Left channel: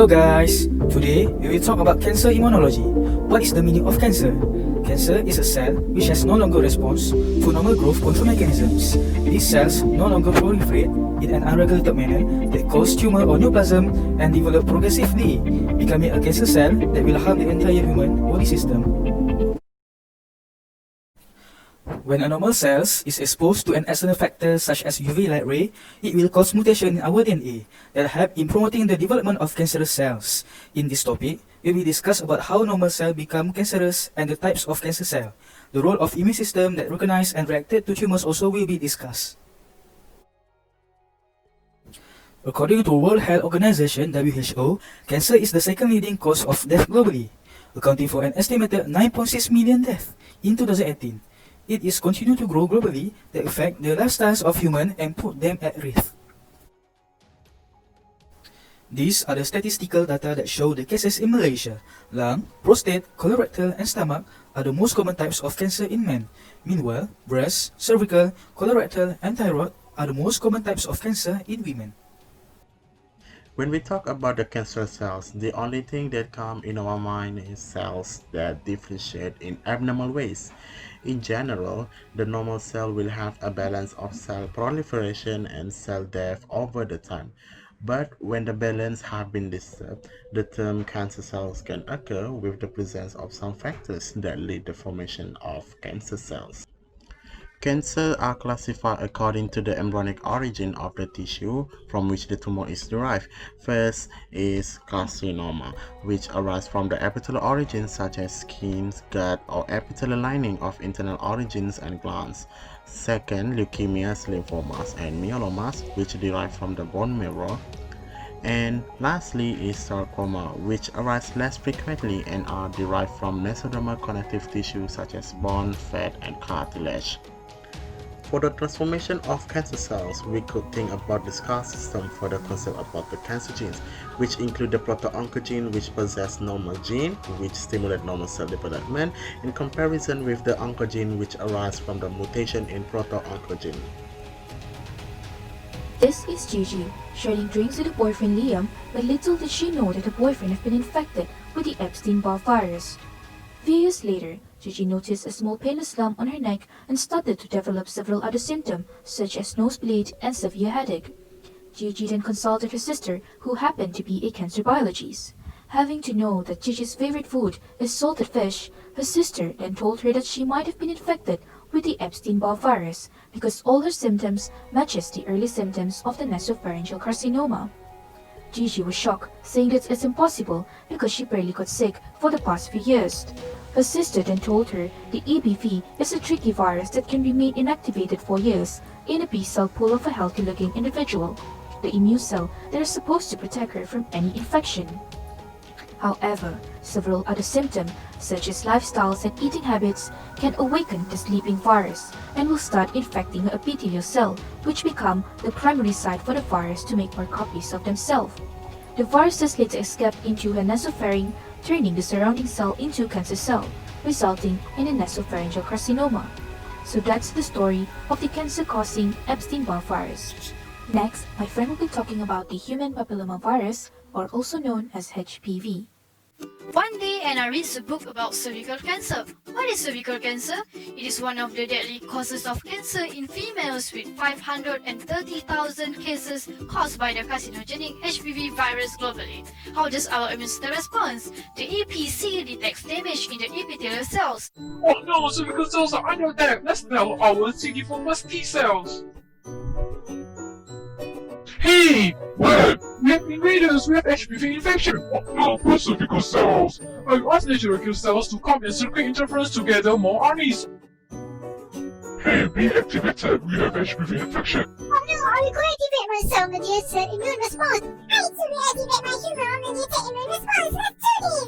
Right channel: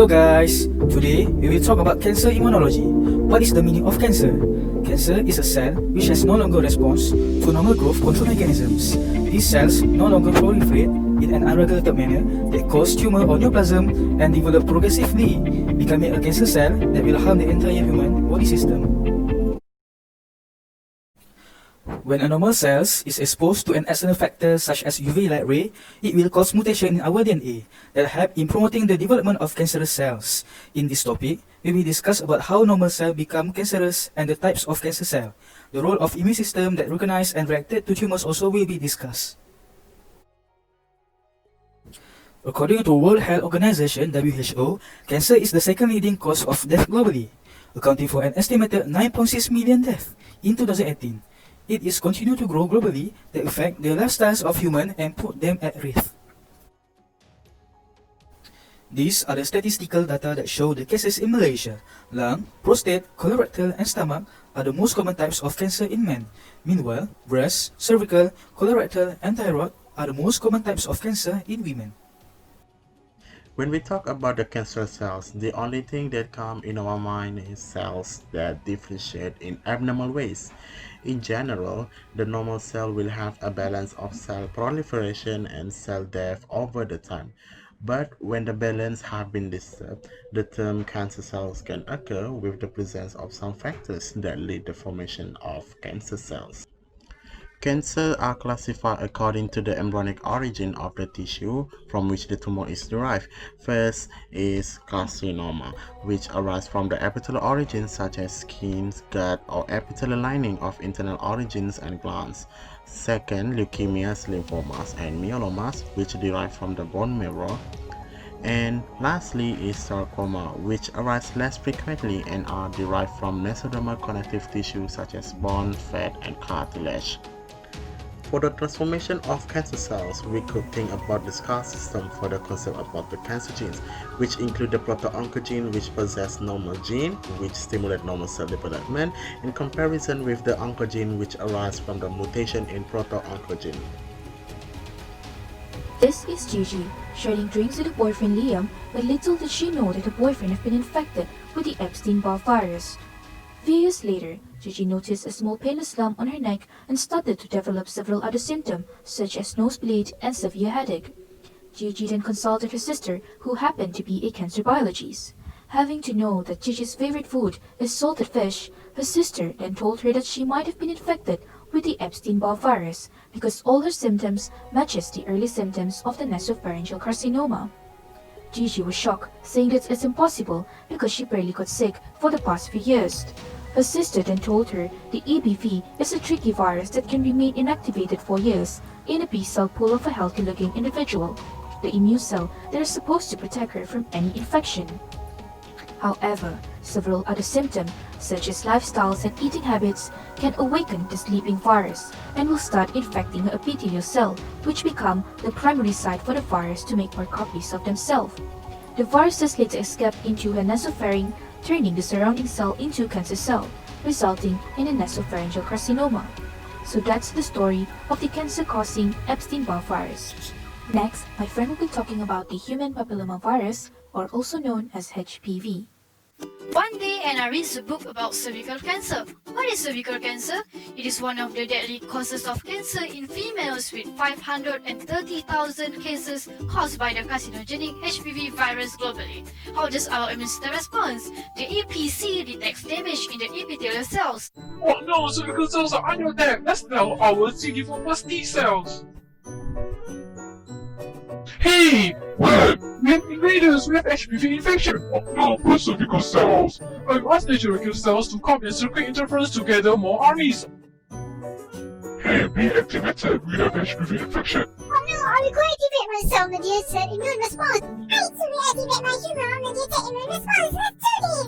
Hello guys, today we will talk about cancer immunology. What is the meaning of cancer? Cancer is a cell which has no longer response to normal growth control mechanisms. These cells no longer proliferate in an unregulated manner that cause tumor or neoplasm and develop progressively, becoming a cancer cell that will harm the entire human body system. When a normal cell is exposed to an external factor such as UV light ray, it will cause mutation in our DNA that help in promoting the development of cancerous cells. In this topic, we will discuss about how normal cells become cancerous and the types of cancer cell. The role of immune system that recognize and reacted to tumors also will be discussed. According to World Health Organization (WHO), cancer is the second leading cause of death globally, accounting for an estimated 9.6 million deaths in 2018. It is continuing to grow globally that affect the lifestyles of humans and put them at risk. These are the statistical data that show the cases in Malaysia. Lung, prostate, colorectal, and stomach are the most common types of cancer in men. Meanwhile, breast, cervical, colorectal, and thyroid are the most common types of cancer in women. When we talk about the cancer cells, the only thing that comes in our mind is cells that differentiate in abnormal ways. In general, the normal cell will have a balance of cell proliferation and cell death over the time. But when the balance has been disturbed, the term cancer cells can occur with the presence of some factors that lead the formation of cancer cells. Cancers are classified according to the embryonic origin of the tissue from which the tumor is derived. First is carcinoma, which arises from the epithelial origins such as skin, gut, or epithelial lining of internal organs and glands. Second, leukemias, lymphomas, and myelomas, which derive from the bone marrow. And lastly is sarcoma, which arise less frequently and are derived from mesodermal connective tissue such as bone, fat, and cartilage. For the transformation of cancer cells, we could think about the SCAR system for the concept about the cancer genes, which include the proto-oncogene, which possess normal gene, which stimulate normal cell development, in comparison with the oncogene, which arise from the mutation in proto-oncogene. This is Gigi, sharing drinks with her boyfriend Liam, but little did she know that her boyfriend had been infected with the Ebsteinn-Bar virus. Few years later, Gigi noticed a small painless lump on her neck and started to develop several other symptoms, such as nosebleed and severe headache. Gigi then consulted her sister, who happened to be a cancer biologist. Having to know that Gigi's favorite food is salted fish, her sister then told her that she might have been infected with the Ebsteinn-Bar virus because all her symptoms matches the early symptoms of the nasopharyngeal carcinoma. Gigi was shocked, saying that it's impossible because she barely got sick for the past few years. Her sister then told her the EBV is a tricky virus that can remain inactivated for years in a B-cell pool of a healthy-looking individual, the immune cell that is supposed to protect her from any infection. However, several other symptoms, such as lifestyles and eating habits, can awaken the sleeping virus and will start infecting her epithelial cell, which become the primary site for the virus to make more copies of themselves. The viruses later escape into her nasopharynx, turning the surrounding cell into a cancer cell, resulting in a nasopharyngeal carcinoma. So that's the story of the cancer-causing Ebsteinn-Bar virus. Next, my friend will be talking about the human papillomavirus, or also known as HPV. One day, Anna reads a book about cervical cancer. What is cervical cancer? It is one of the deadly causes of cancer in females, with 530,000 cases caused by the carcinogenic HPV virus globally. How does our immune system respond? The EPC detects damage in the epithelial cells. Oh no, cervical cells are under attack. Let's tell our CD4+ T cells. Hey! What? We have invaders with HPV infection! Oh no, cervical cells! I asked natural killer cells to come and circulate interference to gather more armies. Hey, be activated! We have HPV infection! Oh no, I will activate my cell-mediated immune response! I too will activate my human-mediated immune response! Let's do this!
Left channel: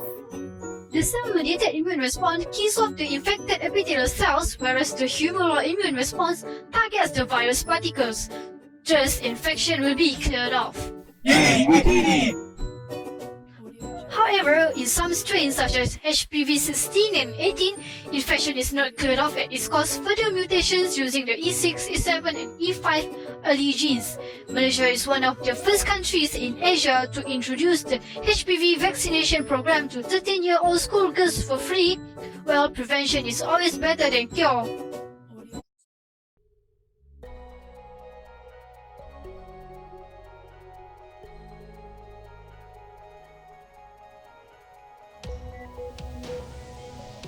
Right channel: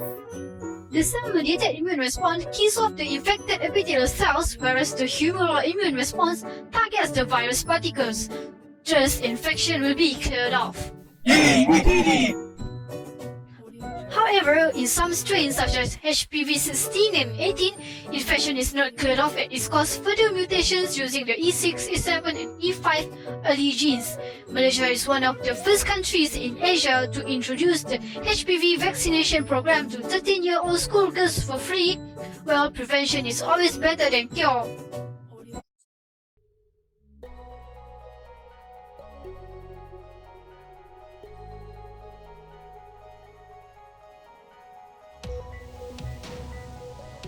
The cell-mediated immune response kills off the infected epithelial cells, whereas the humoral immune response targets the virus particles. Thus, infection will be cleared off. Yay, we did it! However, in some strains such as HPV 16 and 18, infection is not cleared off and it causes further mutations using the E6, E7 and E5 early genes. Malaysia is one of the first countries in Asia to introduce the HPV vaccination program to 13-year-old schoolgirls for free. Well, prevention is always better than cure.